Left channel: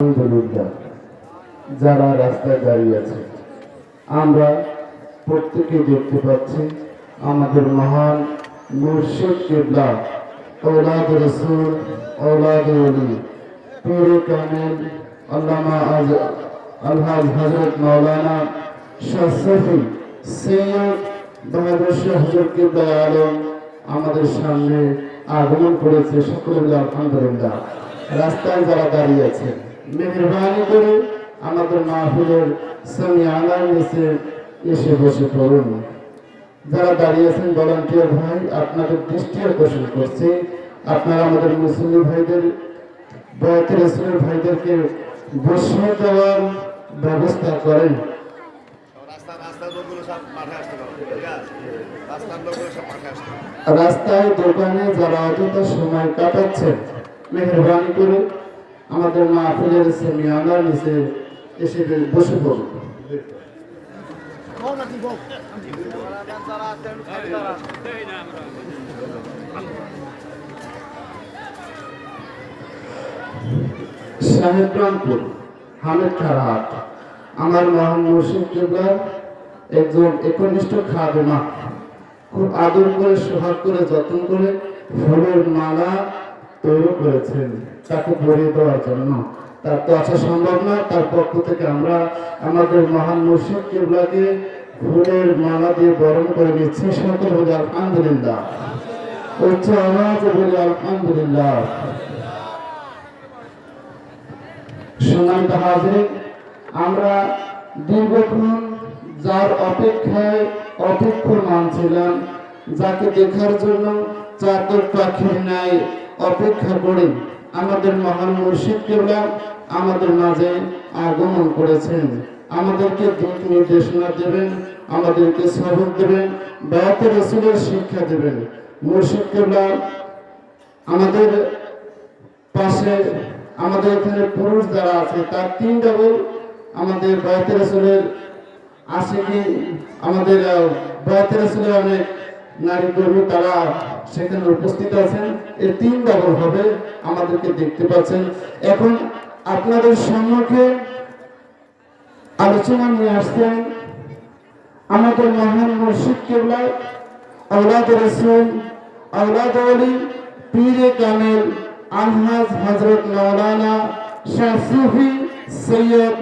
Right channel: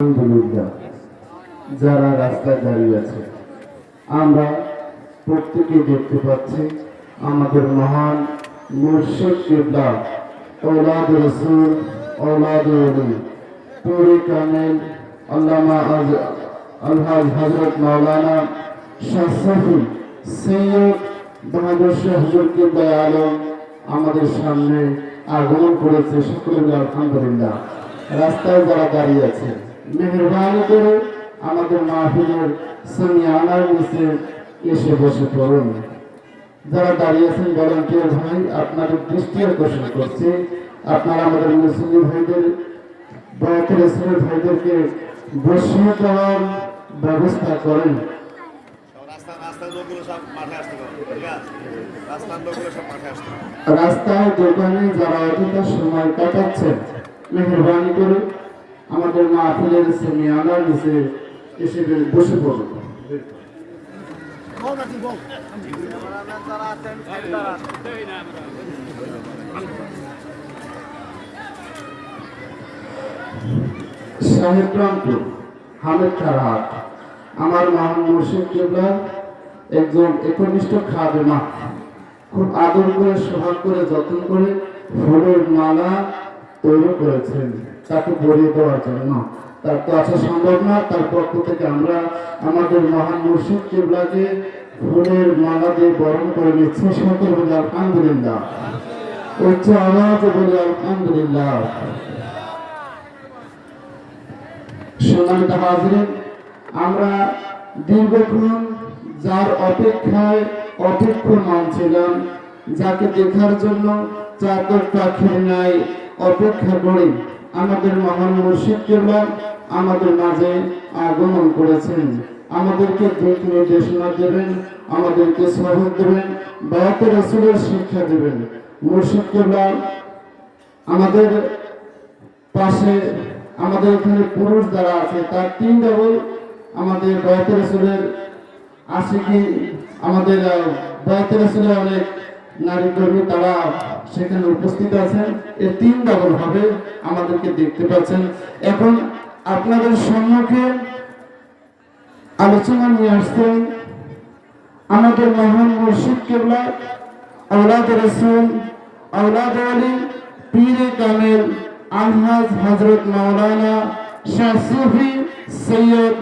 আলহামদুলিল্লাহ, যারা রাস্তায় দাঁড়িয়ে আছে আমরা প্রত্যেকে দেখতে পাচ্ছি আমাদের মহান মুর্শিদ কিবলা औलाद रसूल औलाद वली पीर कामिल अल्लामा अलहाज हजरत मौलाना शाह शफी सैयद বাহাদুর শাহ হুজুর কিবলা আলম আমাদের সামনে আগমন করেছে। সকলে আলহামদুলিল্লাহ। রাস্তায় যারা দাঁড়িয়ে আছে মেহেরবানি করে আমাদের মাহফিলের সামিয়ানার নিচে এসে বসে পড়ুন। যারা দাঁড়িয়ে আছেন ভলান্টিয়ার ভাই, আপনাদের দৃষ্টি আকর্ষণ করছি, আপনারা আমাদের মুসলিম ভাইদের বয়াতের রাসূলের ভাইদেরকে বসিয়ে দেওয়ার ব্যবস্থা করেন। রাস্তায় দোকানে যারা অযথা সময় কাটাচ্ছেন মেহেরবানি করে আমাদের মাহফিলের সামিয়ানার নিচে এসে বসে পড়ুন। সাহেবরামপুর হামেদ খারাপ আমার মহান মুর্শিদ কিবলা একজন একনিষ্ঠ খাদেমা, খুব আদর করে সোহাগ করে যত্ন করে ফুলের মালা তৈরি করেছেন তাকে পরিয়ে দেওয়ার জন্য। তার তো আসা সম্ভব না, তার পক্ষ থেকে আমরা আমাদের মহান মুর্শিদ কিবলাকে ফুলের মালা দিয়ে বরণ করে নিচ্ছি। সকল বলে আলহামদুলিল্লাহ, উচ্চ আওয়াজ বলে আলহামদুলিল্লাহ। সম্মানিত হাজিরিন, আমরা দীর্ঘক্ষণ যার অপেক্ষায় অপেক্ষমান ছিলাম, যাকে দেখার জন্য চাকর পাখির ন্যায় অপেক্ষা করি, আমাদের মহান মুর্শিদ কিবলা আমাদের মাঝে আগমন করেছেন। আমাদেরকে দিক নির্দেশনা দেবেন, আমাদেরকে সবক দেবেন, বায়াতে রাসূলের শিক্ষা দেবেন। মুর্শিদ কিবলা আমাদের পাশে, আমাদের এখানে পুরুষ যারা আছে তার 3 ডাবল আমাদের বায়াতে রাসূলের আশিকি, আমাদের বায়াতে রাসূলের অনেক নারী কর্মী তারা সেখানে উপস্থিত আছেন। এর 3 ডাবল হবে, আমাদেরকে দেখতে পাচ্ছেন। এখন আপনাদের সম্মুখে আলোচনা নিয়ে আসছেন আমাদের মহান মুর্শিদ কিবলা औलाद रसूल औलाद वली पीर कामिल अलहाज हजरत मौलाना शाह सूफी सैयद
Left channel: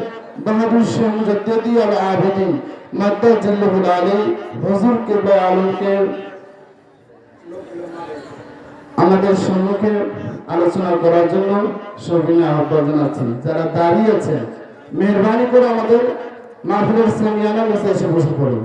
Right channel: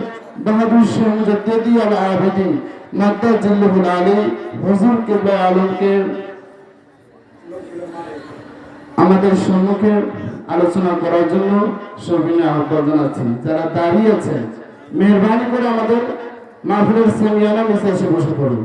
বাহাদুর শাহ মুজাদ্দিদি আল আবেদিন মাদ্দাজিল্লাহুল আলী হুজুর কিবলা আলমকে আমাদের সম্মুখে আলোচনা করার জন্য সবিনয় আহ্বান জানাচ্ছি। যারা দাঁড়িয়ে আছেন মেহরবানি করে আমাদের মাহফিলের সামিয়ানা নিচে এসে বসে পড়ুন।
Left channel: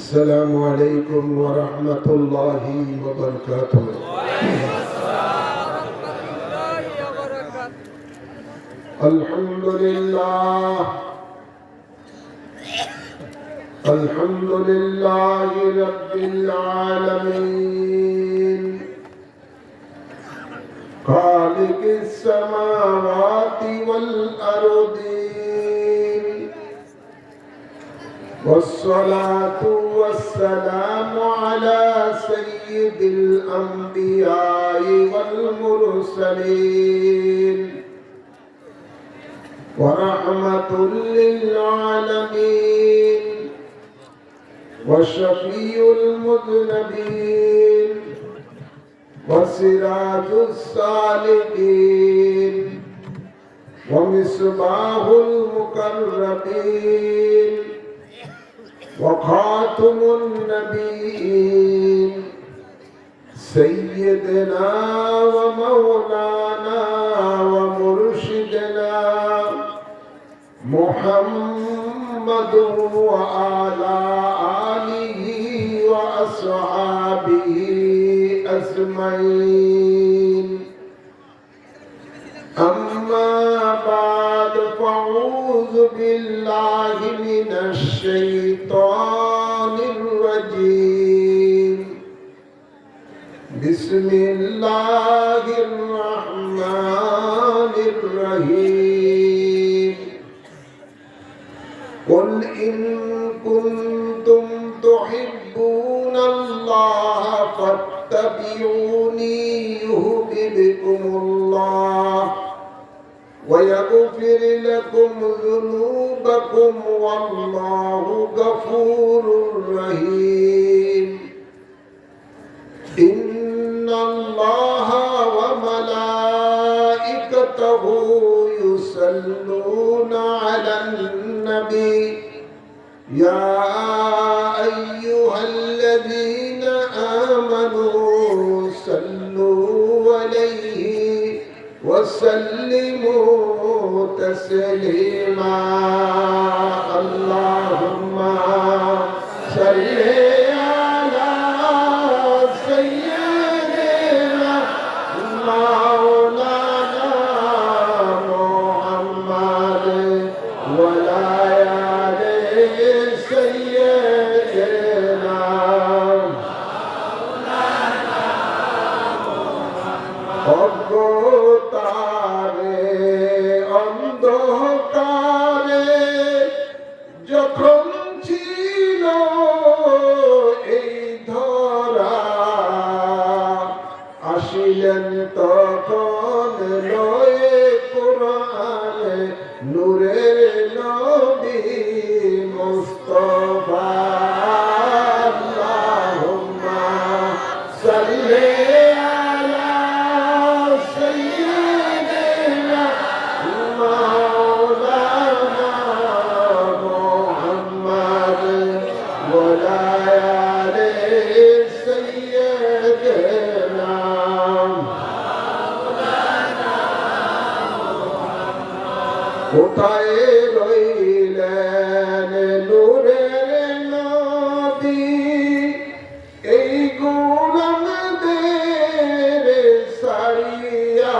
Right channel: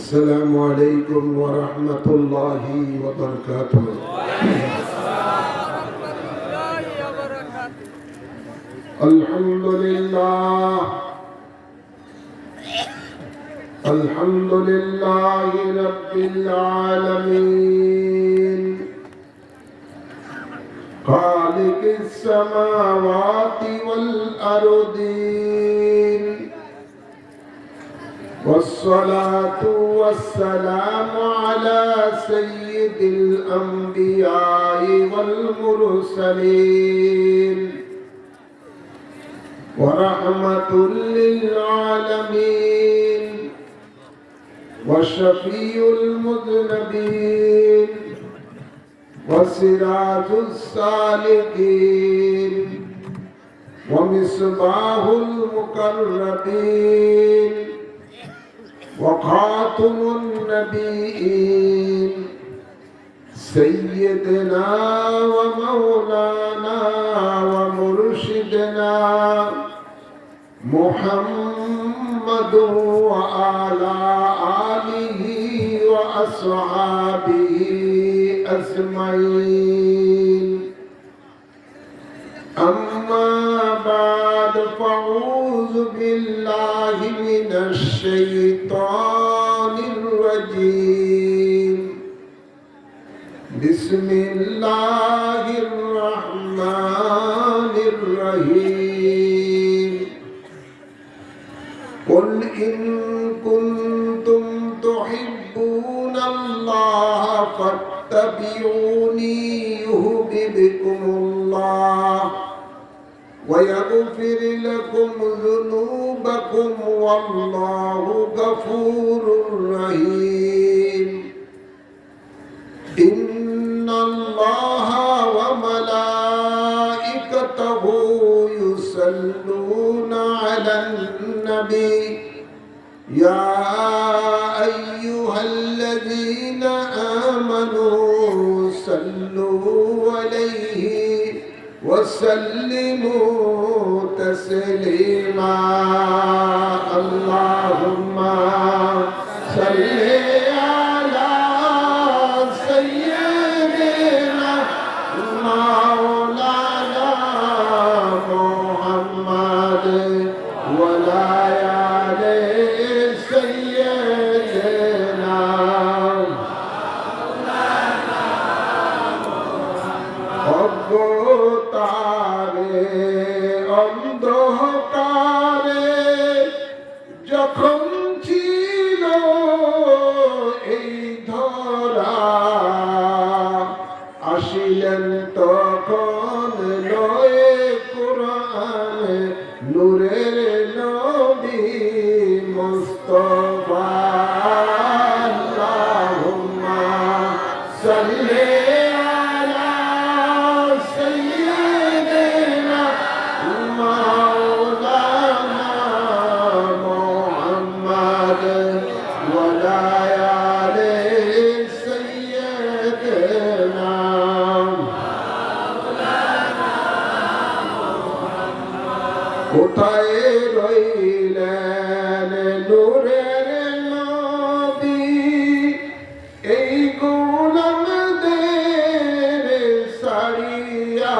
السلام عليكم ورحمة الله وبركاته. الحمد لله الحمد لله رب العالمين خالق السماوات والأرضين والصلاة والسلام على سيد الأنبياء والمرسلين ورحمة للعالمين وشفيع المذنبين وسراج السالكين ومصباح المقربين وخاتم النبيين سيدنا ومولانا ومرشدنا محمد وعلى آله وأصحابه أجمعين. أما بعد فأعوذ بالله من الشيطان الرجيم. بسم الله الرحمن الرحيم. قل إن كنتم تحبون الله فاتبعوني يحببكم الله ويغفر لكم ذنوبكم والله غفور رحيم إن الله وملائكته يصلون على النبي يا أيها الذين آمنوا صلوا عليه وسلموا تسليما اللهم صل على سيدنا مولانا محمد وعلى آل سيدنا অজ্ঞতারে অন্ধকারে যখন ছিল এই ধরা আসিলেন তখন লয়ে কোরআন নূরের নবী মুস্তাফা আল্লাহুম্মা সাল্লি কোথায় রইলেন নূরের নবী এই গোলামদের সারিয়া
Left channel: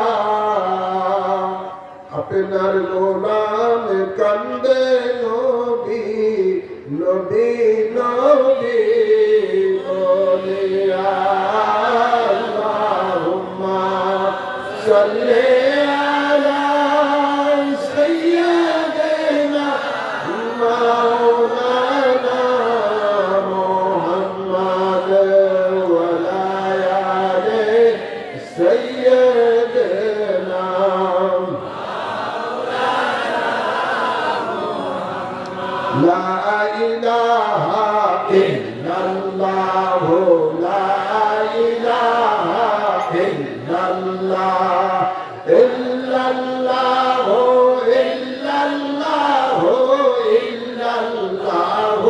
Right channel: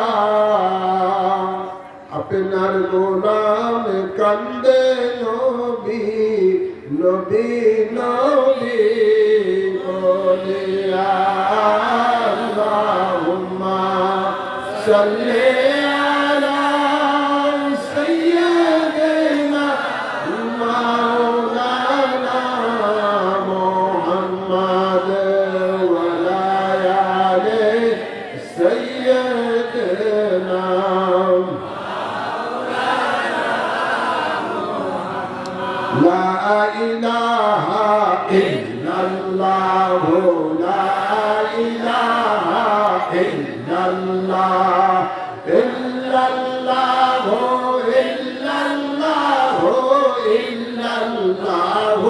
আপনার গোলাম কান্দে নবী নবী নবী বলিয়া আল্লাহুম্মা সাল্লি لا إله إلا الله لا إله إلا الله إلا الله إلا الله إلا الله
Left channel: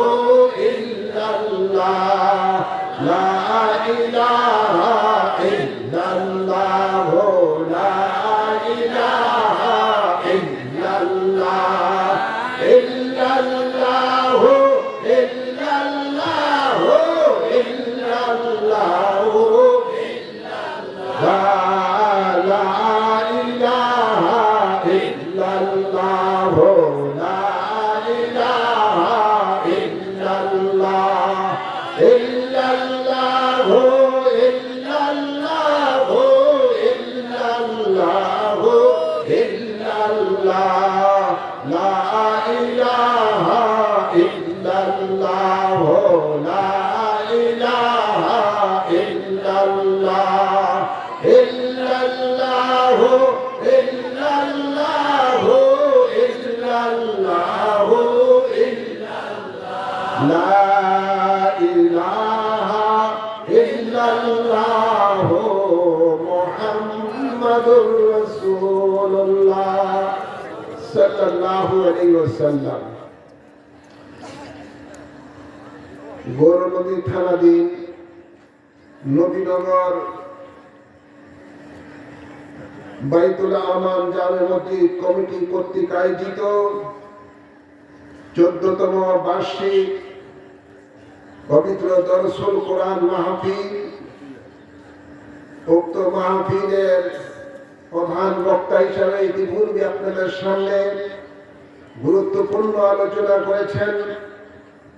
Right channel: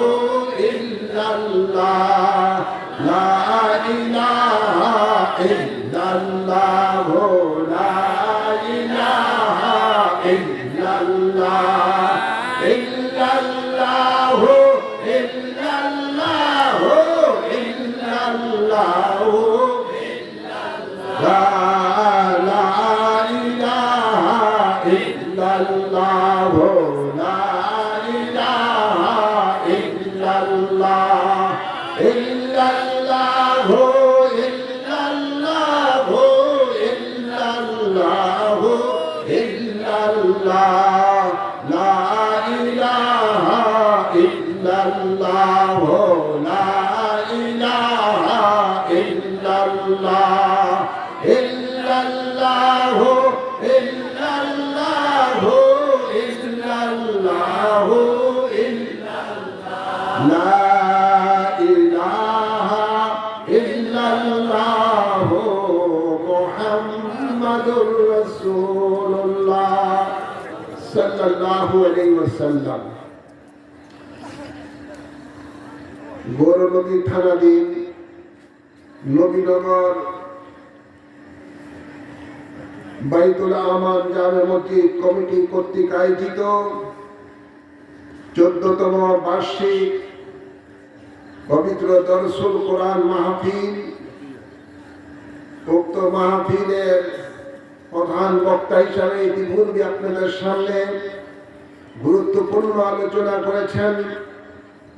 إلا الله لا إله إلا الله لا إله إلا الله إلا الله إلا الله إلا الله لا إله إلا الله لا إله إلا الله إلا الله إلا الله إلا الله إلا الله لا إله إلا الله لا إله إلا الله إلا الله إلا الله إلا الله إلا لا إله إلا الله محمد رسول الله সাল্লাল্লাহু আলাইহি ওয়াসাল্লাম। গৌরনদী থানাধীন নবীনগর বাইতুল আমান জামে মসজিদ কমিটি কর্তৃক আয়োজিত 14তম বার্ষিক পবিত্র দরসুল কোরআন মাহফিল। উক্ত মাহফিলের প্রধান বক্তা হিসাবে ইতিপূর্বে আপনাদের সামনে গুরুত্বপূর্ণ আলোচনা করেছেন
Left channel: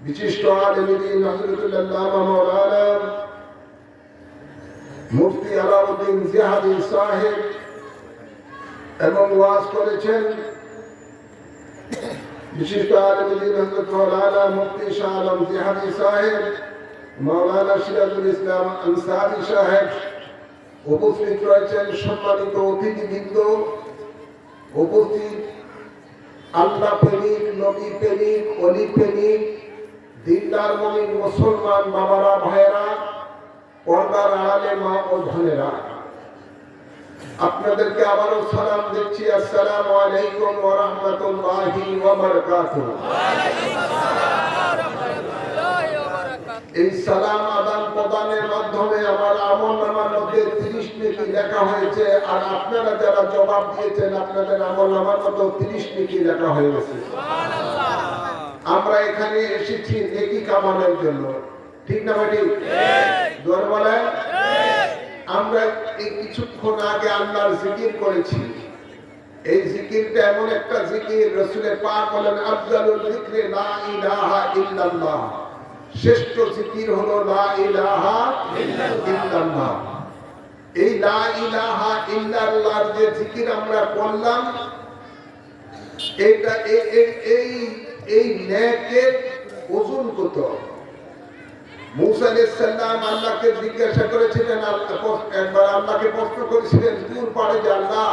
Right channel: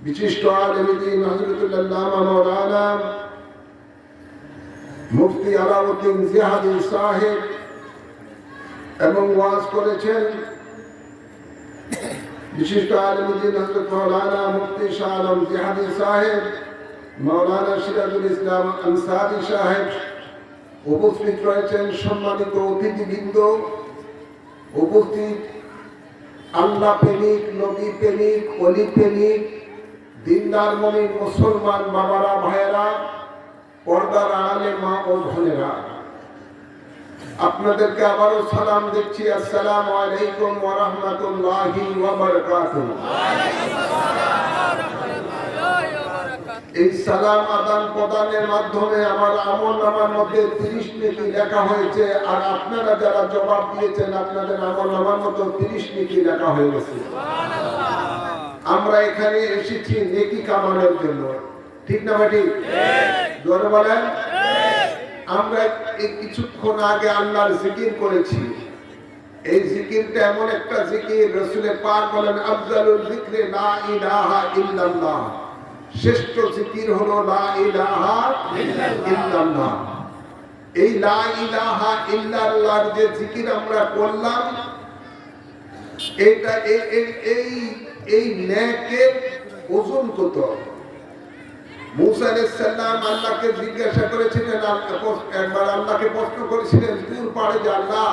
বিশিষ্ট আলেম দ্বীন হযরতুল্লাহ মাওলানা মুফতি আলাউদ্দিন জিহাদি সাহেব এবং ওয়াজ করেছেন বিশিষ্ট আলিমুদ্দিন হযরত মাওলানা মুফতি শাহ আলম জিহাদি সাহেব, মাওলানা সিরাজুল ইসলাম আনসারী সাহেব, উপস্থিত রয়েছেন সম্মানিত অতিথিবৃন্দ, উপস্থিত আল্লাহ প্রেমিক, নবী প্রেমিক, অলি প্রেমিক, দিনদার মুমিন মুসলমান বাবারা, ভাইয়েরা, পর্দার আড়ালে মা ও বোনেরা, আপনাদেরকে আবারও সালাম দিচ্ছি। আসসালামু আলাইকুম ওয়া রাহমাতুল্লাহি ওয়া বারাকাতুহু। এই সালাম আদান প্রদানের মাধ্যমে আমার আমলনামার মধ্যে 30 নেকি লেখা হয়েছে, আর আপনারা যারা জবাব দিয়েছেন আপনাদের আমলনামার মধ্যে 30 নেকি লেখা হয়ে গেছে। আমরা এখানে এসেছি নেকি কামানোর জন্য, ঠিক না ভাই? ঠিক। জোরে বলেন। আমরা এই কিছুক্ষণ আগে আল্লাহর জিকির করেছি। এই জিকিরটা এমন একটা জিকির, রাসূলের পাক বলেন আফজালুল যিকরি লা ইলাহা ইল্লাল্লাহ, শ্রেষ্ঠ জিকির হলো লা ইলাহা ইল্লাল্লাহ। এই লা ইলাহা ইল্লাল্লাহর যে জিকির আমরা করলাম, এটা এই নেকের ওজন কত? মুসা আলাইহিস সালাম আল্লাহকে জিজ্ঞাসা করেছিলেন, একবার আল্লাহকে প্রশ্ন করেছিলেন দূর পারে যে আল্লাহ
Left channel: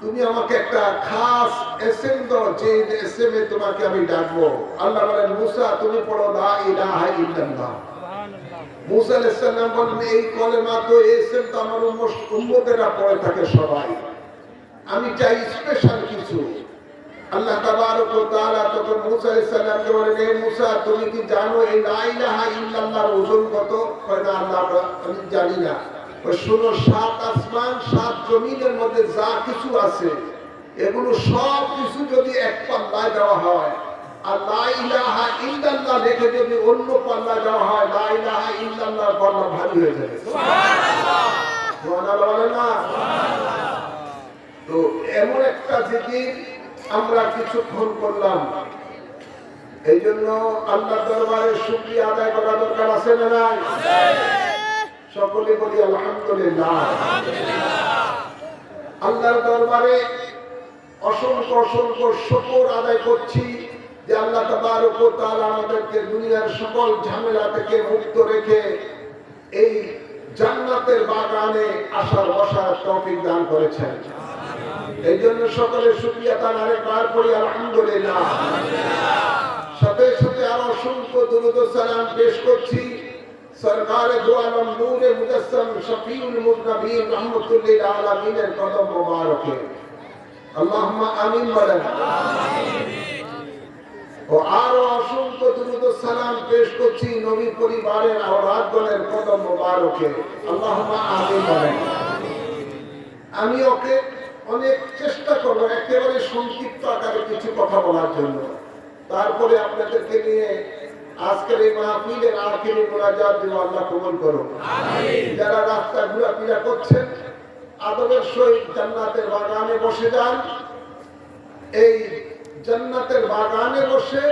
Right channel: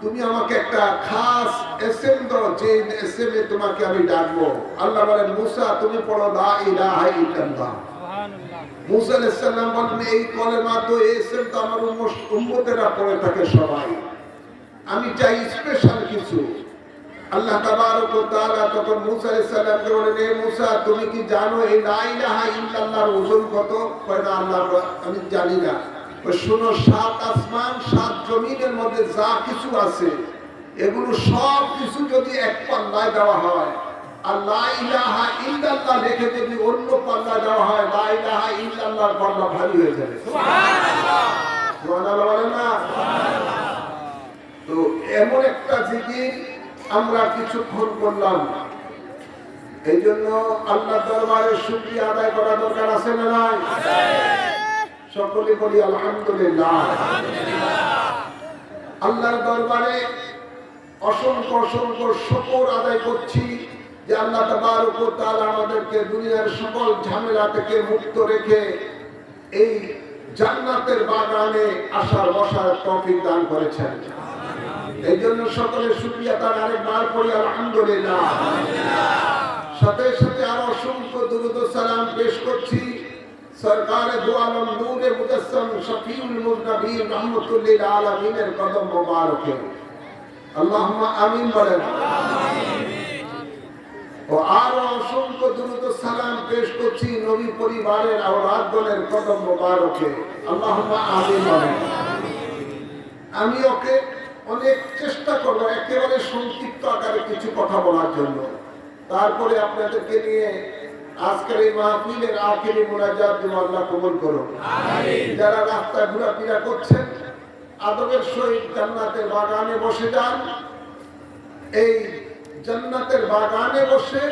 তুমি আমাকে একটা খাস এসএম দাও, যে এসএমে তোমাকে আমি ডাকবো। আল্লাহ বলেন মুসা তুমি পড়ো লা ইলাহা ইল্লাল্লাহ। মুসা আলাইহিস সালাম বলেন এই কলেমা তো এসএম তো আমার উম্মতেরা পড়ে থাকে সবাই, আমি চাই স্পেশাল কিছু। আল্লাহ তাবারক ওয়া তাআলা তখন মুসা আলাইহিস সালামকে বলেন হে মুসা তুমি কি জানো এই লা ইলাহা ইল্লাল্লাহর ওজন কত? কয় না আল্লাহ আমি জানি না। ওই শুনো, 7 আসমান 7 জমিনের মধ্যে যা কিছু আছে এগুলো সব কিছু যদি এক পাল্লায় দেওয়া হয়, আর লা ইলাহা ইল্লাল্লাহ লিখে যদি অন্য পাল্লায় দেওয়া হয়, লা ইলাহা ইল্লাল্লাহর পাল্লা ভারী হয়ে যাবে। সুবহানাল্লাহ। সুবহানাল্লাহ বলেন না? সুবহানাল্লাহ। তো এমন একটা জিকির আমরা কিছুক্ষণ করলাম, এই জন্য আল্লাহ দরবারে শুকরিয়া আদায় করা দরকার আছে না নাই? সকলে বলি আলহামদুলিল্লাহ। আল্লাহর দরবারে অসংখ্য অসংখ্য শুকর আদায় করছি যে আল্লাহ তাবারক ওয়া তাআলা আমাদেরকে দুনিয়ার সকল ঝামেলা থেকে মুক্ত রেখে এই জান্নাতের বাগানে আসার বসার তৌফিক দান করেছেন। এই জন্য সকলের শুকরিয়া তার আরেকবার পড়ি আলহামদুলিল্লাহ। সাথে সাথে আরো অসংখ্য দুরূদ ও সালাম পেশ করছি সরকারে দু আলম নূরে মুজাসসাম শফিউল মুজনবিন রাহমাতুল লিল আলামিনের কদম মোবারকে আল্লাহুম্মা আমিন বলেন। ও আরো অসংখ্য দুরূদ ও সালাম পেশ করছি নবী পরিবারের আওলাদগণের কদম মোবারকে আল্লাহুম্মা আমিন বলেন। আমি ওকে অনেক চেষ্টা করবো একেবারে সংক্ষিপ্ত আকারে কিছু কথা বলার জন্য, তারপরে আপনাদেরকে নিয়ে আজকের এই মাহফিলের আখিরি মুনাজাত দিব। আল্লাহ কবুল করুন। যারা রাস্তা ঘোরাফেরা করছেন আদবের সহিত জান্নাতের বাগানে বসে যান। এই জান্নাতের বাগানে বসে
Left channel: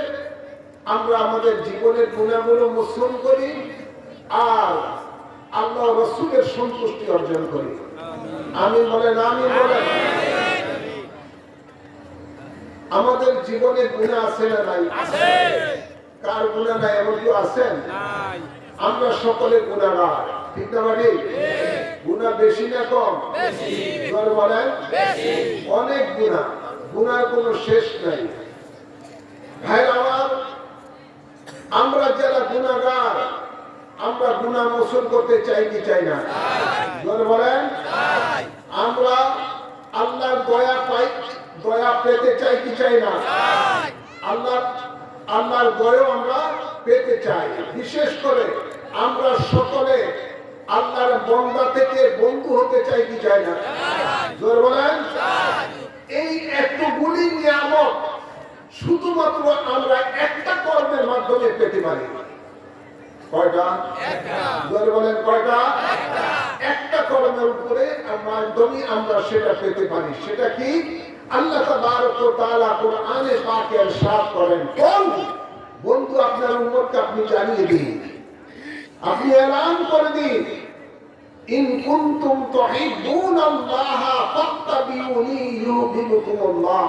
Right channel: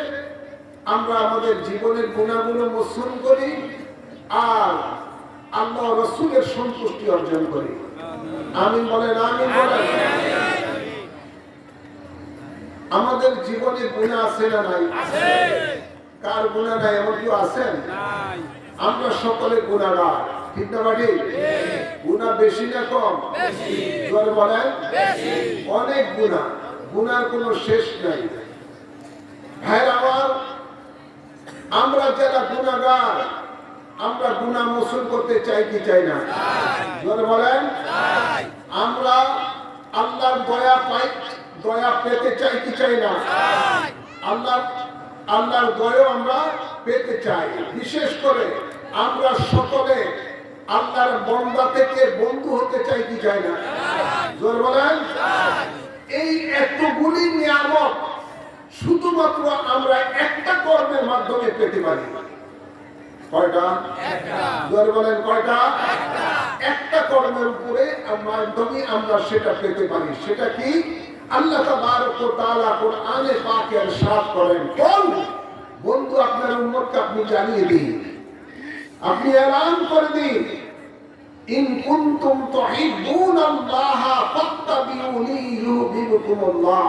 আমরা আমাদের জীবনের গুণাগুলো মোচন করি আর আল্লাহ রাসূলের সন্তুষ্টি অর্জন করি। আমিন বলেন। আমিন বলেন। আমাদের জীবনে গুনাহ আছে না নাই? আছে। কার গুনাহ নাই এমন কেউ আছেন? নাই। আমরা সকলে গুনাহগার, ঠিক না ভাই? গুনাহ বেশি না কম? বেশি। জোরে বলেন। বেশি। অনেক গুনাহ, গুনার কোনো শেষ নাই। ভাইরা আমার, আমরা যারা গুনাহগার আমরা গুনাহ মোচন করতে চাই কি চাই না? জোরে বলেন। আমরা আল্লাহর দয়া পেতে চাই কি চাই না? আল্লাহর দয়া আমরা পেতে চাই। বিশেষ করে আমরা সকলে আল্লাহর বান্দা থেকে বন্ধু হতে চাই কি চাই না? জোরে বলেন। এই এতগুলি নিয়ামত শুধুমাত্র আমরা একটা কর্মের মাধ্যমে পেতে পারি। কয়টা? একটা। জোরে বলেন কয়টা? একটা। একটা কর্মের উপরে মাধ্যমে আমরা সেটা পেতে পারি। সেটা কি? আল্লাহ তাবারক ওয়া তাআলা কোরআনে পাকে ইরশাদ করেন, কোন বন্ধু আপনার উম্মতকে আপনি জানিয়ে দিন, আপনি এলান করে দিন, ইন কুনতুম তুহিব্বুনাল্লাহ ফাত্তাবিউনি ইউহিব্বুকুমুল্লাহ।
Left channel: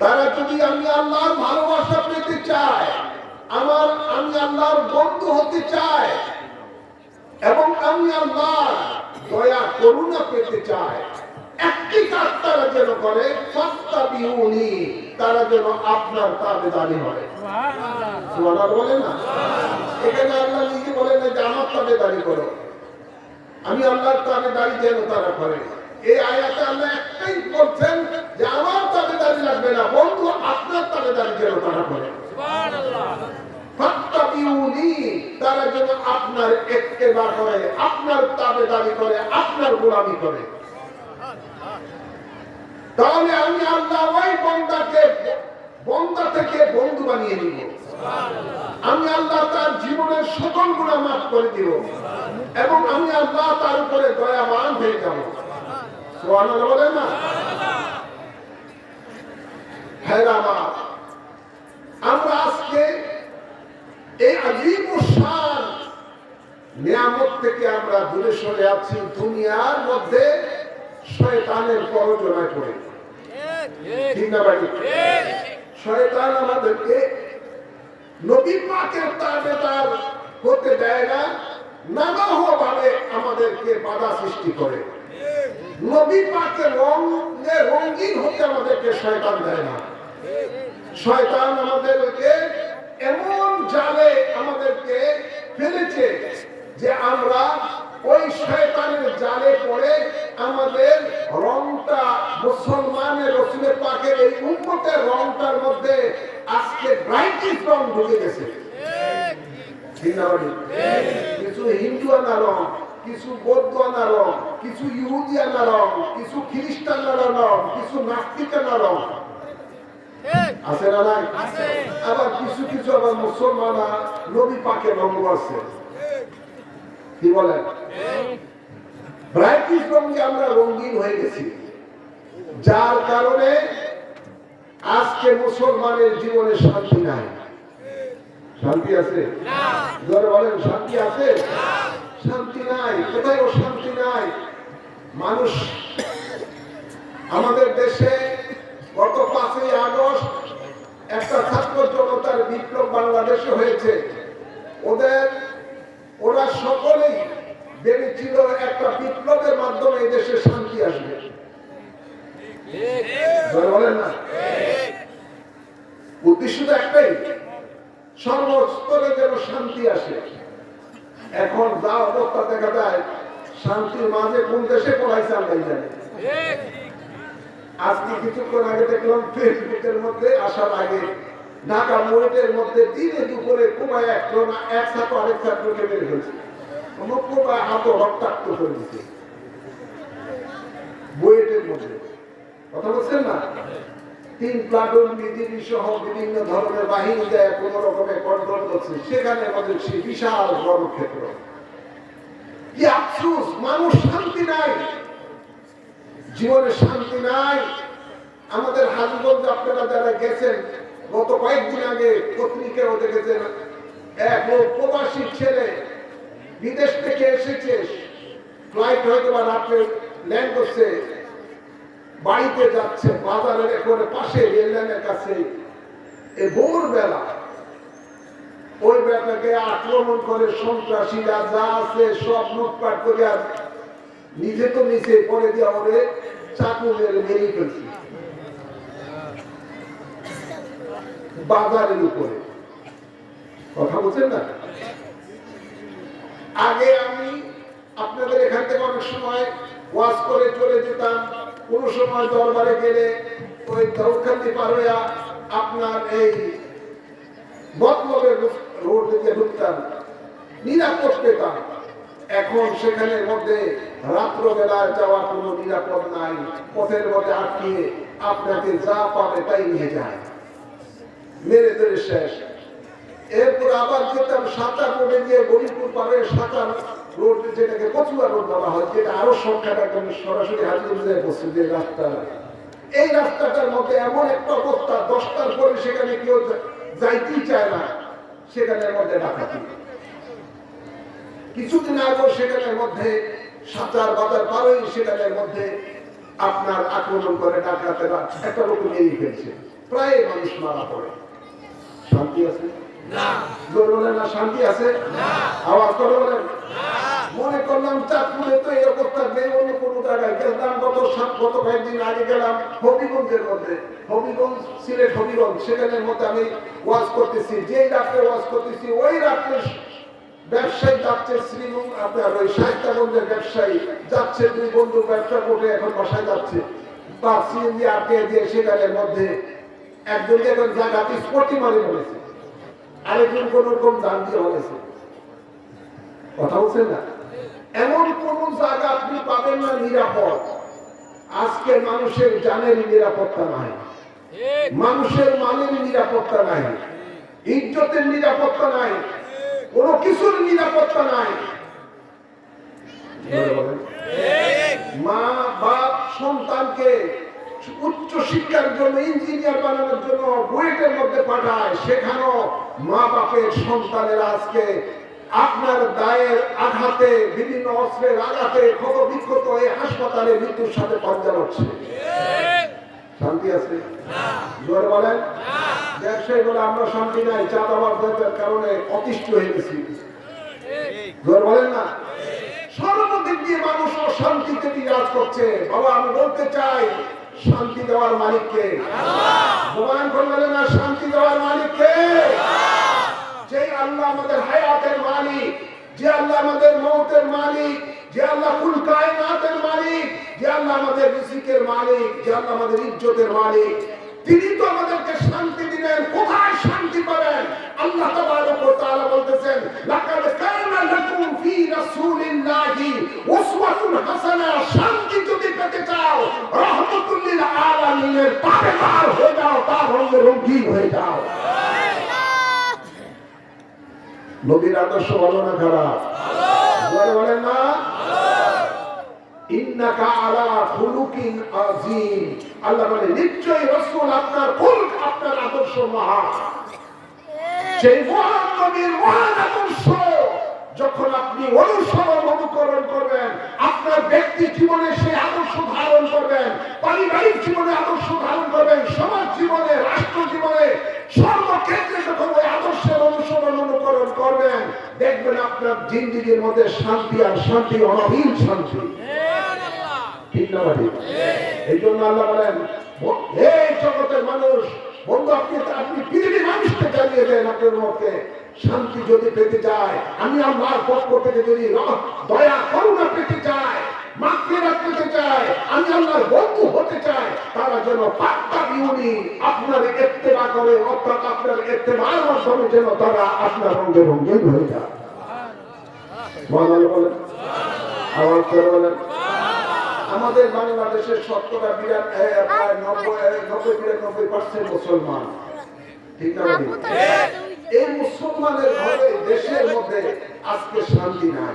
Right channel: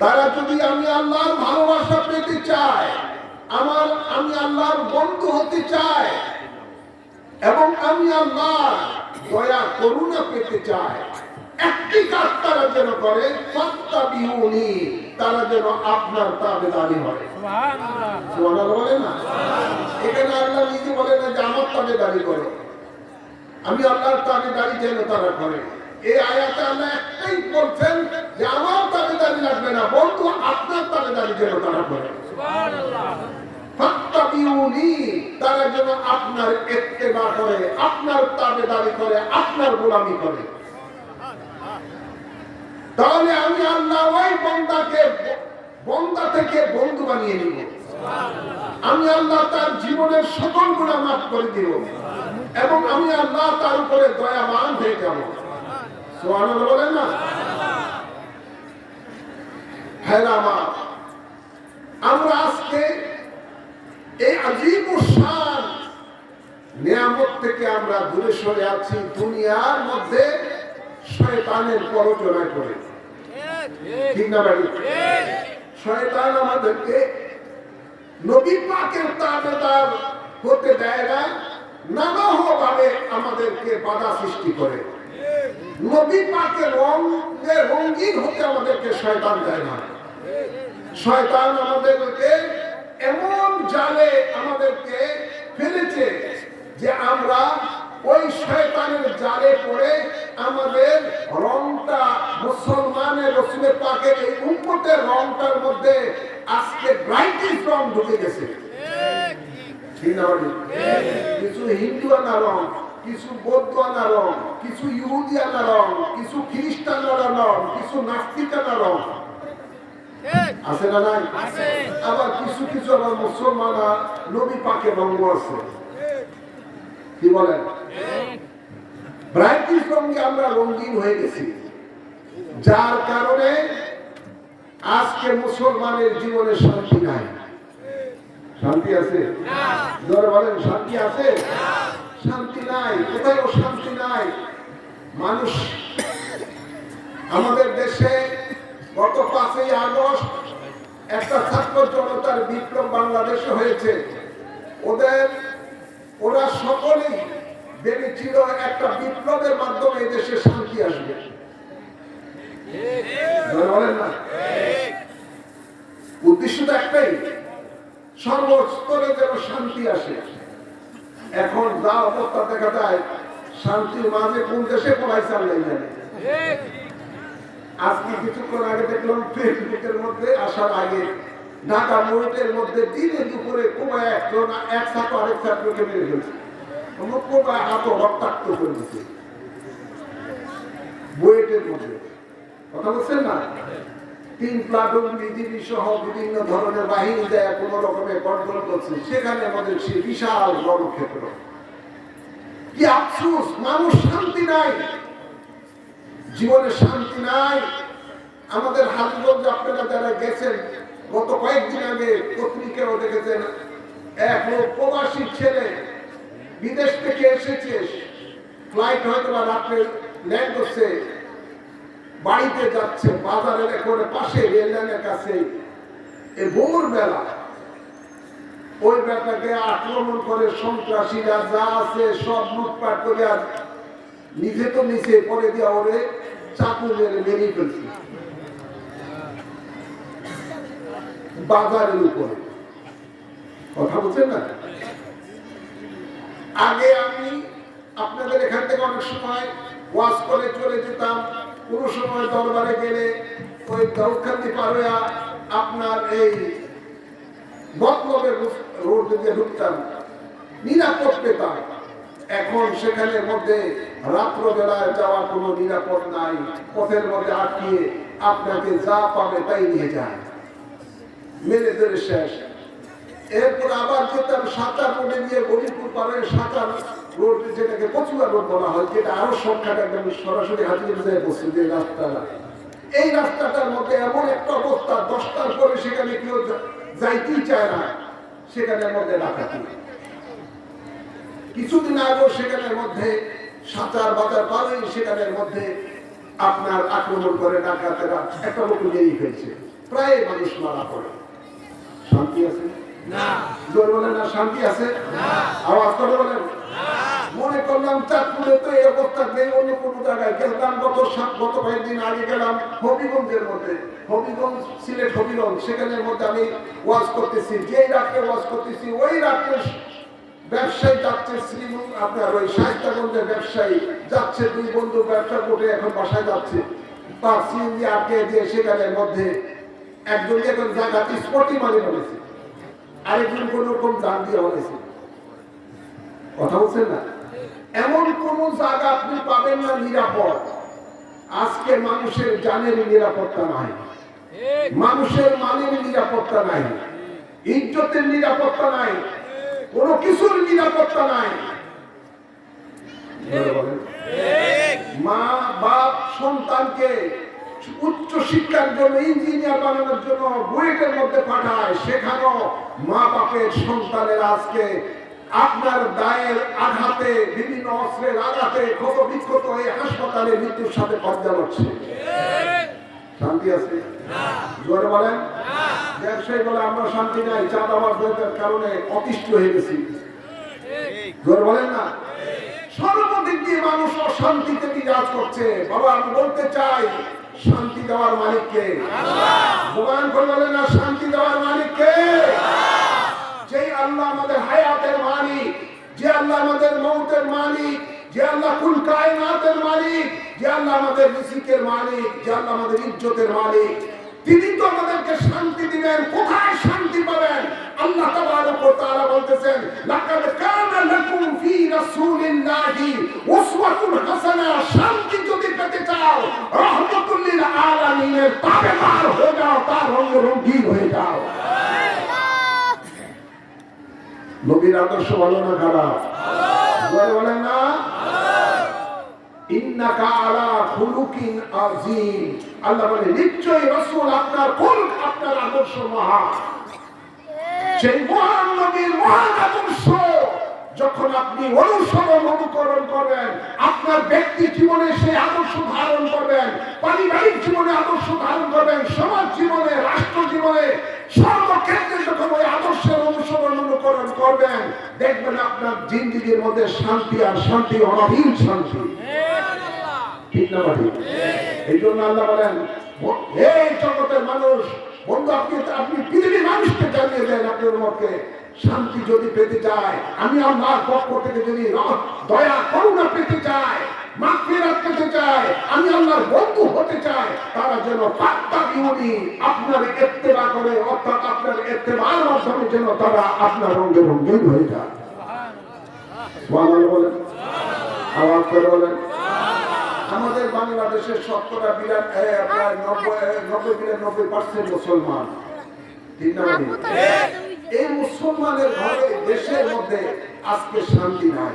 তারা যদি আমি আল্লাহর ভালোবাসা পেতে চায়, আমি আল্লাহর বন্ধু হতে চাই এবং আমি আল্লাহর দয়া করুণা পেতে চাই, একটি কাজ তারা যেন করে, ফাত্তাবিউনি, তারা যেন আপনার তাবেদারি হয়। সুবহানাল্লাহ বলে না? এখানে আল্লাহ নিজে বলেন যে আমার তাবেদারি করো, আমি আল্লাহর তাবেদারি যেন তারা করে। এই আয়াতে আল্লাহ একটাই বলছেন যে আমার তাবেদারি লাগবে না, বন্ধু আপনার তাবেদারি যেন তারা করে। ফাত্তাবিউনি, তারা যেন আপনার ইত্তেবা করে, আপনার তাবেদারি করে, আপনার গোলামি করে। তাহলে আমি আল্লাহ ওই বন্দা থেকে বন্ধু বানিয়ে নিব। আমি আল্লাহ তার জীবনের সকল গুনাহ মাফ করে দিব এবং আমি আল্লাহ তার উপরে দয়াবান হয়ে যাব। সুবহানাল্লাহ বলেন না? হ্যাঁ, আমরা আজকে এই আযীম শান নিয়ামত থেকে আমরা দূরে সরে আছি, দুনিয়ার মধ্যে শয়তানের প্ররোচনায় পড়ে। ঠিক না ভাই? শয়তান আমাদেরকে নবী পাকের তাবেদার হতে দেয় না, নানাভাবে আমাদেরকে বাধা সৃষ্টি করে। নবী পাকের রঙে রঙিন হতে আমাদেরকে শয়তান দেয় না। শয়তান আমাদেরকে এমন জালে আমাদেরকে ফেলেছে যে আমরা ওই শয়তানের জালে পড়ে আমাদের রংটা, মুসলমানের রাসূলের পাকের এই উম্মতের রংটার মধ্যে আজকে ব্রাইটিশ রং ঢুকে গেছে। কিছু হিন্দু আনা রং, কিছু বৌদ্ধ আনা রং, কিছু ইহুদি আনা রং, কিছু খ্রিস্টান আনা রং, কিছু নাস্তিক আনা রং আছে না নাই? আবার কিছু কিছু আবার মুসলমানরা নবী পাকের রঙ আছে। কি বলেন? ব্রাইটিশ রঙে আমরা রঙিন হয়ে গেছি, যার কারণে আজকে মুসলমানের জীবনে শান্তি নাই। শান্তি আছে? জোরে বলেন, শান্তি আছে? শান্তি নাই, কোথায় শান্তি নাই। মানুষ আমাদের দেশে গত 5ই আগস্ট একটা ছাত্র জনতার বিপ্লব বাংলাদেশে হয়েছে। ওরা সকলেই ভেবেছিল একটা বিপ্লবের মাধ্যমে এই দেশে শান্তি আসবে। বলেন না? উদ্দেশ্য তো একটাই, সর্বস্তরে যেন শান্তি আসে। এখন যা অবস্থা দেখা যায়, শান্তির মাঝে কোন দেশে পলাইছে আল্লাহ জানে। আজকে কিছুক্ষণ আগে দেখলাম ফেসবুকের মধ্যে আসার আগে ঢাকা মোড়ের মধ্যে দিনে দুপুরে কুমায় এক ছাত্র আরেক ছাত্রকে মেরে ফেলছে। কুমায় হাত রক্তাক্ত করে দিচ্ছে বুয়েটের মধ্যে। কথা বলছেন না? 3 প্লাটুন বিজিবি সহ বিভিন্ন ধরনের বাহিনী দেয় কোন রকমে কন্ট্রোল করছে। সেখানে আমাদের সেই বিশাল রণক্ষেত্র। কি আফসোস, মানুষ শান্তি নাই, জীবনে শান্তি নাই। আমাদের হাজগঞ্জ আপনারা যারা গেছেন, গত কয়েকদিন আগে পত্রিকাও দেখেছেন, এক লোক প্রবাসী ছেলে বিদেশ থেকে এসেছে, ফ্লাইট হয়তো বা রাত্রে ল্যান্ড করছে, বাড়িতে যাচ্ছে, বাজারের করে পাশে রেল লাইনের কাছে ভোরবেলা ওই ব্যাপারকে আক্রমণ করে সন্ত্রাসীরা যা আছে সব লুটপাট করে আর নিজে তো নিচে পরে দিয়ে ওরে চাকু মেরে মেরেই ফেলছে বাজারের উপরে। কথা বলছেন না? আগে আমি আপনাদের এখান থেকে অনেক সময় ওয়াজ করে চলে যেতাম, কোন সময় দরবারে গেলে ওই দৌখান্তি পারোয়া আপনার এই মতলবের রোড দিয়ে ঢুকতাম, নিরাপদ পেতাম। এখন সেখানের মধ্যে রাত্রবেলায় যাওয়া কোনো নিরাপদ নাই। পথের মধ্যে আটকিয়ে আপনাকে যা পাবে তাই নিয়ে যায়, মেরে ধরে শেষ। এরপর আবার যেতাম সাঁতার রোডে গিয়ে গরিপুর পারে সাঁতার রোড, যেটাকে কচুয়া রোড বলা হয়, যেটা আরো সংখ্যাটা একদম সরাসরি হাজির বসছে যে রাস্তা। এই রাস্তাটার মধ্যে এমন একটা অবস্থা, 10টার পরে সেখানে কেউ যাইতেই চায় না, সেখানের মধ্যে ডাকাতি। কিছুদিন আগেও সেখানের মধ্যে সাঁতার বাজার পারেই সেখানের মধ্যে আপনার আক্রমণ করে ডাকাতেরা একটা লোক মেরে ফেলছে। প্রায় মানুষ মারা পড়ে। শান্তি আছে জোর বলেন না, শান্তি আছে? আওয়াজ করে বলেন। মনে করলাম চাঁদপুরে তো এই অবস্থা নেই, অন্য কোনো জায়গায় গেলাম। গত কয়েকদিন আগে গেলাম হবিগঞ্জের মধ্যে, হবিগঞ্জ, সিলেট হবিগঞ্জ, সেখানের মধ্যে আমি ওয়াজ করতেছি। যেই রাত্রে ওয়াজ করতেছি ওই রাত্রে ব্যবসায়ী যাচ্ছে শ্রীমুখ, আপনার ওই সাহিত্যগঞ্জের ব্যবসায়ী যাচ্ছে, দুই বন্ধু ব্যবসা করে এখন বাসায় যাচ্ছে, তার সিএনজি আটকে দিয়ে সেখানের মধ্যে একজনকে এখন জায়গাতে স্পটি মারি বলেছে, আরেকজন কোন রকম দান দিয়ে হয়েছে। কথা বলছেন না? এমন কোন জায়গা আপনি পাবেন না নিরাপদ। আজকে মানুষের জানের নিরাপত্তা নাই, মানুষের মানের নিরাপত্তা নাই, ইজ্জতের নিরাপত্তা নাই, কোনো কিছুর নিরাপত্তা নাই। মা বাপ সন্তানকে উচ্চ শিক্ষার জন্য, ইঞ্জিনিয়ার বানানোর জন্য বুয়েটের মধ্যে পাঠায়, সেখানেও মা বাপের সন্তানের আজকে আপনার দায়ের আঘাতে, বিভিন্ন অস্ত্রের আঘাতে ক্ষত বিক্ষত হয়ে হাসপাতালে মৃত্যুর সাথে পর্যা হচ্ছে। শান্তি আছে? জোরে বলেন। ব্যবসায়ী বলে আমরা শান্তি নাই, চাঁদাবাজদের কারণে অতিষ্ঠ হয়ে গেছি। জোরে বলেন না। সর্বদিক দিয়ে মানুষ অশান্তিতে বিরাজ করছে। বাবা আমি বলতে চাই, শান্তি দেওয়ার মালিককে ভগবান বললেন না, শান্তি দেওয়ার মালিককে। যে আল্লাহ আমাদের হায়াতের মালিক, যে আল্লাহ আমাদের মৌতের মালিক, যে আল্লাহ কুল কায়নাতের মালিক, যে আল্লাহ আমাদের রিজিকের মালিক, যে আল্লাহ আমাদের ইজ্জতের মালিক, তিনি তো আমাদেরকে শান্তি দিবেন। কোথায় শান্তি পাবেন? আল্লাহ তাবারক ওয়া তাআলা বলতেছেন, লাকাদ কানা লাকুম ফি রাসূলিল্লাহি উসওয়াতুন হাসানাহ। শান্তি যদি পেতে চাও, রাহমাতুল লিল আলামিনের তাবেদার হয়ে যাও, তার রঙে রঙিন হয়ে যাও। নবীর আদর্শ ভালো না খারাপ? বলে না, ইন্নাকা আলা খুলুকিন আযীম। আল্লাহ বলে নিশ্চয়ই রাসূল আপনার খুলক, আপনার আদর্শ মহান। সেই মহান নবীর মহান আদর্শ যখন আপনি অনুসরণ অনুকরণ করবেন, আপনার ব্যক্তি জীবনে সেই আদর্শ ধারণ করবেন, পারিবারিক জীবনে আদর্শ ধারণ করবেন, সমাজ জীবনে, রাষ্ট্র জীবনে, সর্বক্ষেত্রে যখন ওই আদর্শের অনুসরণ অনুকরণ করবেন, দেখবেন আপনার জিন্দেগির মধ্যে শান্তি, আর শান্তি অনাবিল শান্তি। ঠিক না ঠিক? এই জন্য আল্লাহ বলেন, এই জগতের মানুষ, বন্ধু আপনি পৃথিবীর মানুষকে জানিয়ে দেন, আপনার মধ্যে শান্তি যদি পেতে চায়, আমি আল্লাহর পক্ষ থেকে যদি দয়া করুণা পেতে চায়, মাগফিরাত পেতে চায়, আমি আল্লাহর বন্ধু হতে চাই, তারা যেন পাত্তাবিউনি আপনার ইত্তেবা করে, অর্থাৎ আপনার ইত্তেবার মাধ্যমে যেন তারা আপনার রঙে রঙিন হয়ে যায়। বলেন, আওয়াজ করে বলেন। আমাদের বাংলাদেশের 90-92% মুসলমান। ঠিক না? এই মুসলমানের ঘরে, দেশের মধ্যে আজকে শান্তি নাই।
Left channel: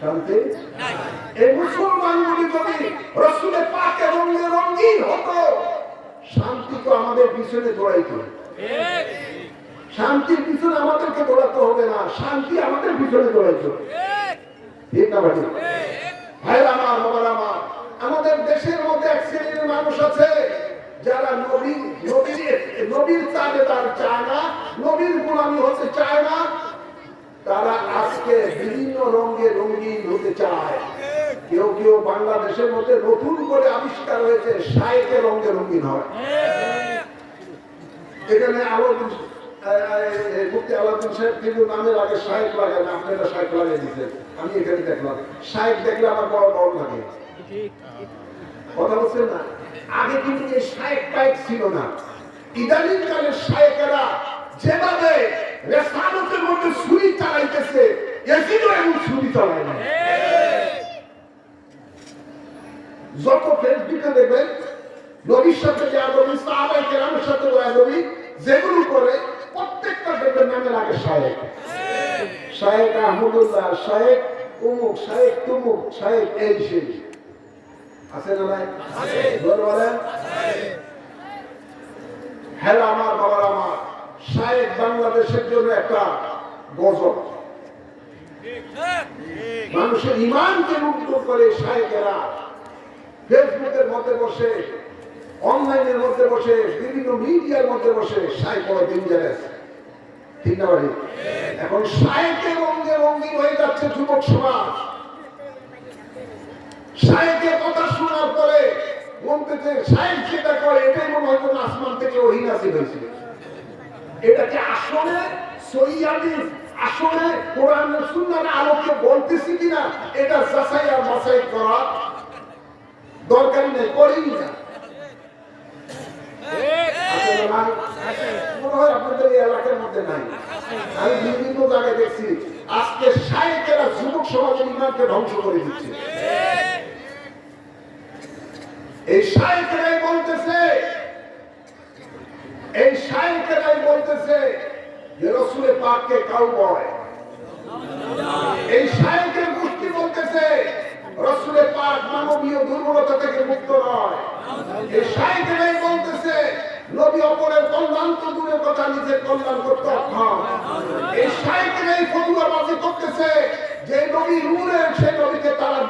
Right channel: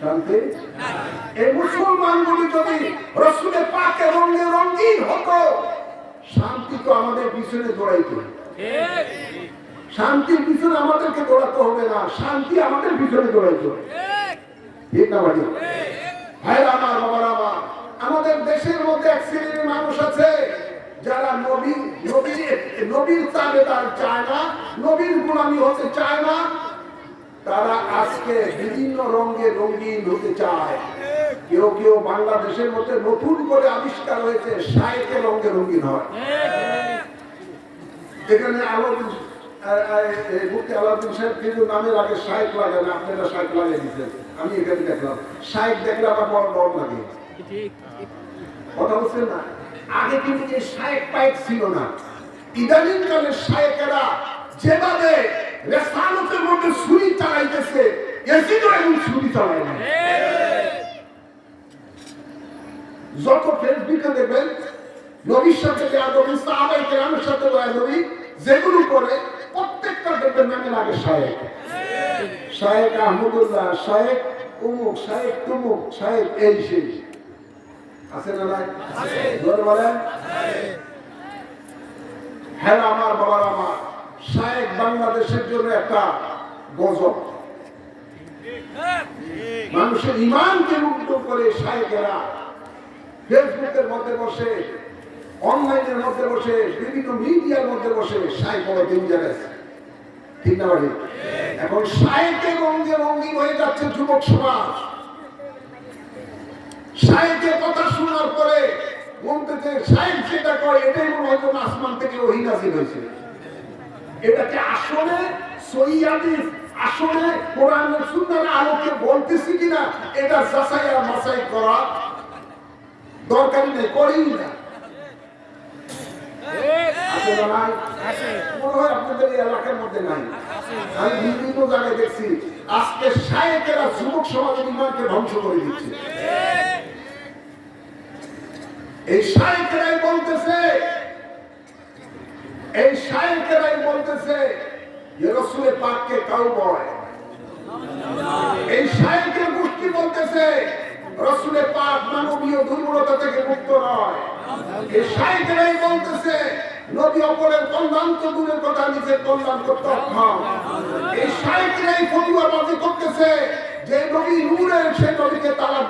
শান্তি? এই মুসলমানগুলি যদি রাসূলের পাকের রঙে রঙিন হতো, শান্তি তো আমাদের পিছনে দৌড়াইতো। শান্তির পিছনে আমাদেরকে দৌড়াতে হবে না, শান্তি আমাদের পিছনে দৌড়াইতো। ঠিক না ভাই? ভাই আমার, বাবার আমার, আমাদের দেশের মধ্যে এক শ্রেণীর মানুষ আছে যারা নবীর তাবেদার চায় না, নবীর গোলামি হতে চায় না। তারা আজকে বিভিন্ন রঙে রঙিন হতে চায়। কেউ কেউ বাংলাদেশের মধ্যে নতুন করে আবিষ্কার হয়েছে, শায়েকের রঙে রঙিন হয়। এখানে মুফতি আলাউদ্দিন সাহেব কিন্তু নামের আগে শায়েক লাগে না, আপনারা শায়েক লাগিয়ে দিচ্ছেন। আমি এখানে দেখলাম শায়েক দেখলে আমার বড় ডর লাগে। কথা বলছেন না? আগে কিন্তু এই শায়েক পায়েক ছিল না। ইদানিং কালের শায়েকেরা যেভাবে রেসালতের মধ্যে ছুরি চালাইতেছে, এজিদও এমন ছুরি চালায় না। যত ফেসবুকে দেখবেন নবীর সাথে বেয়াদবি, সাহাবায়ে কেরামের সাথে বেয়াদবি যেগুলো করে, প্রত্যেকটা দেখবেন নামের আগে শায়েক। শায়েক আহমদুল্লাহ, শায়েক উমুক, শায়েক তুমুক, শায়েক এই সেই। আছে না নাই? বলেন। হ্যাঁ আমার, বাবার আমার, শায়েক বাংলাদেশের জন্য একটা গজব। মানুষের ইমানকে মুগ্ধ করে শায়েকেরা ফেসবুকের মধ্যে বসে অনলাইনের মধ্যে বসে, বিভিন্ন মিডিয়ার মধ্যে বসে শায়েখ বড় ডেঞ্জারাস, ঠিক না ভাই? এখন শায়েকের রঙে রঙিন হয়ে যাচ্ছে যুবক সমাজ। শায়েকের কথা শোনার পরে বলতেছে শায়েক যেটা কয় এটাই মনে হয় কোনো আসমান থেকে ওহী নাযিল হয়েছে। এটাকে আসলে সহিহ হাদিস, আসলে কোরআন ও সুন্নাহর আলোকে বলতেছি কিনা এটা যাচাই আর বাছাই করা দরকারই নেই, করেই না। আছে না ভাই? মনে হয় আপনাদের এই এলাকার মধ্যে নাই। আমি বিভিন্ন জায়গায় দেখছি আজকে শায়েকেরা যুবক সমাজের ইমানকে ধ্বংস করে দিচ্ছে। এই শায়েকেরাই বলতেছে যে রাসূলের পাককে কাউবয়। এই শায়েকের গোষ্ঠী বলতেছে রাসূলের পাক মানবীয় দুর্বলতা থেকে মুক্ত নয়। এই শায়েকেরাই বলতেছে নবী অপরের কল্যাণ তো দূরের কথা নিজের কল্যাণ করতে অক্ষম। এই শায়েকেরাই ফতুয়াবাজি করতেছে যে নবী নূরের, সেই নবীকে তারা